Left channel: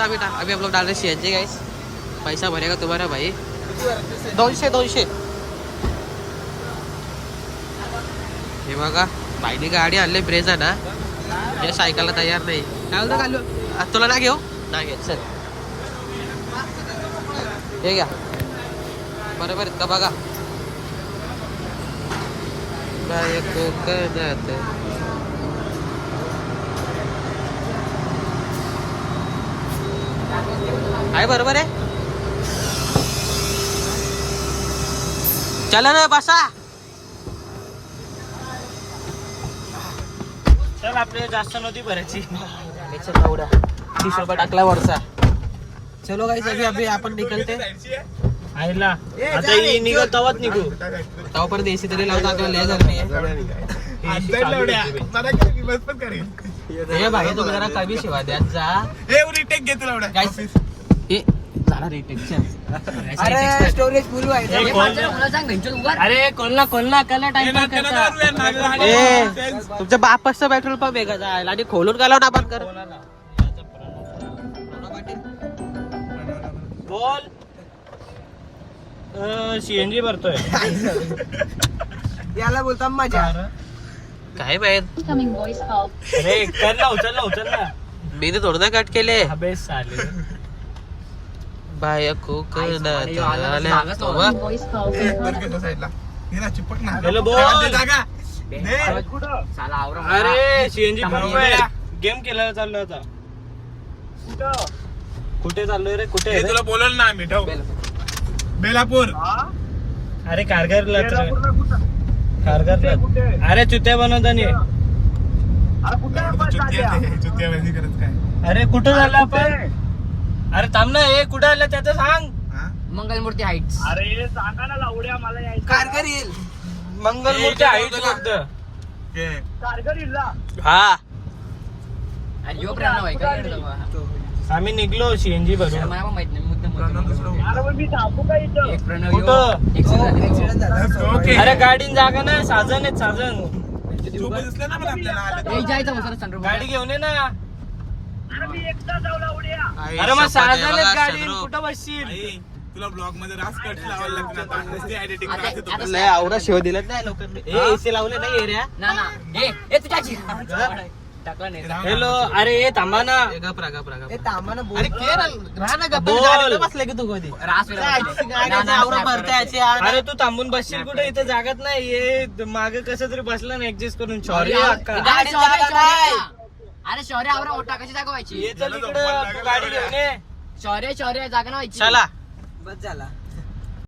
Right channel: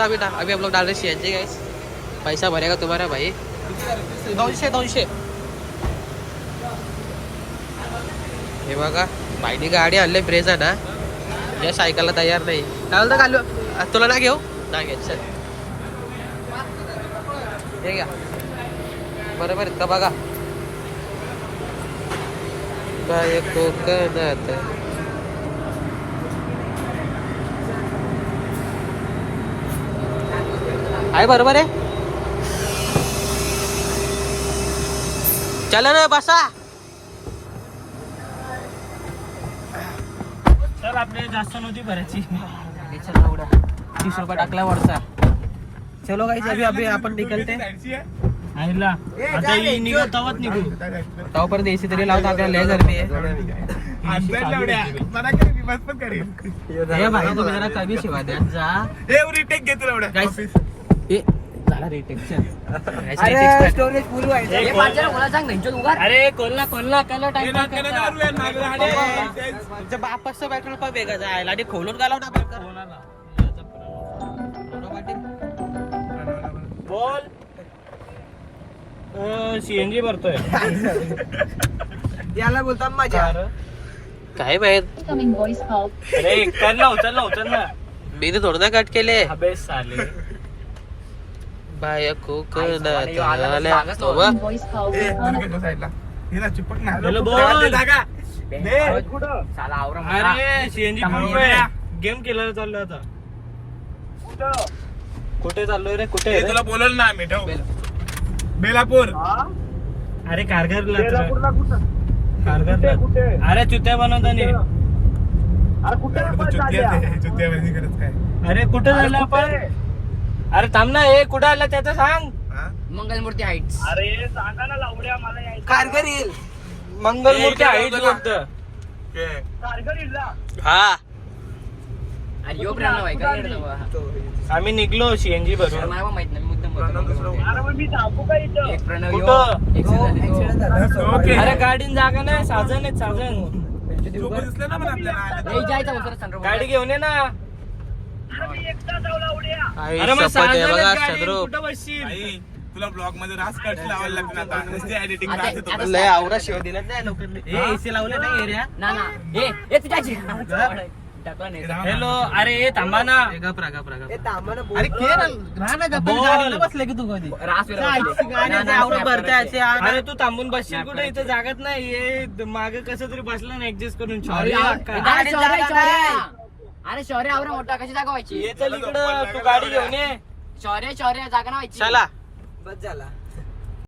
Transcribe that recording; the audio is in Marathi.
अभी हम लोग डाल रहे CNG गाइस. पैसा भरेगा तुम्हारा भाई. 200. हे बघा भाईनी गाडी आणली ब्रेझा ना. या सायकलला तयार नाही. काय बोलतो कालू तुला ना घेऊ ना घे चल. हे घ्या बरोबर आहेत का बघा. बायको कदात आहे बरोबर आहे. चला रे बसा. चल आपले जास्त नव्हती भरायची. चल एवढा 30 रुपये टाकला वरचा. चलो गाइस अभी आपण निकलते. आईला आता ही निघू तवाच निघू. तवापर्यंत एसी तरी लावता आपल्याला लय गरमी आहे. बस पण करेल. हे भाई तुम्ही जरा कमी शिवा द्या जा. रिटेक घेतो एवढ्या गाइस हे झाला रिटेक. अरे स्टोरेज फुल व्हायचं. अरे कोलना काय टाइम करता. तुमच्या बापाचं पेट्रोल पंप वेगळा जायला आणि खोलून गेला आपण कर. बोल CNG भरतोय. याला बोलता मजा. काय माहित. अरे उचल ना. मी ते थोडं ना कट केले. अबे साले. बाया कोकणात चिपक ना. बोल. अरे CNG गेम केला चाललो होता. कुठे चाललोय रे कुठे. तुला बोलल ना आम्ही ठेव. बेलापूर. अरे कारगरला. अरे चुत्या बनवता नाही. अरे कुठं झालं आपण. अरे थांब ना. हे कुठं आलं त्याचं सांग. मंगलमूर्ती हाईट्स. अरे सांगा ना लावड्या मला यायचं. कारगर येईल. मंगलमूर्ती आहे फक्त. हा आणि यो प्रेरणा भाई काय करतो आम्ही निघलो CNG बघून. मला माहित नाही मुद्दाम बोलतो. एक प्रणव यो कुठं? एक्सिडेंट झाली. अरे गाडीन जागा ना. साजन आहेत साजन. जायचं मग सर गाडी घेऊन ये ना. आई अरे मग शपथ आहे बघा गाडी चंद्रू. कुठं बसशील. तुला ब्लॉग मध्ये रास कट लावायला लागणार आता. एडिटिंग रास येतो. लय आवरा शिव दिलं नाही लोकांनी. AC लावले नाही एरिया. ना ए तुझ्याची टाकला नाही. हॅलो. अरे ये थांबा ना. गपरा ए तामानं बोल. अरे के ना राहा ना गप्पा. बोल. गाडीला बसले की तू कधी. रास गाडीचे आवरा भरतायचे. अरे तू थांबून बसशील कुठे. इथं जागाच नाही. ये मागे कसं तरी बसलं ना ऍडजस्ट करून. सॉरी अरे शौर्य आवरा मोठा कशी जागा व्हायची. ये चल इकडं. तू गाडी घेऊन ये. शौर्य जागा ना व्हायची. चला बस झाला.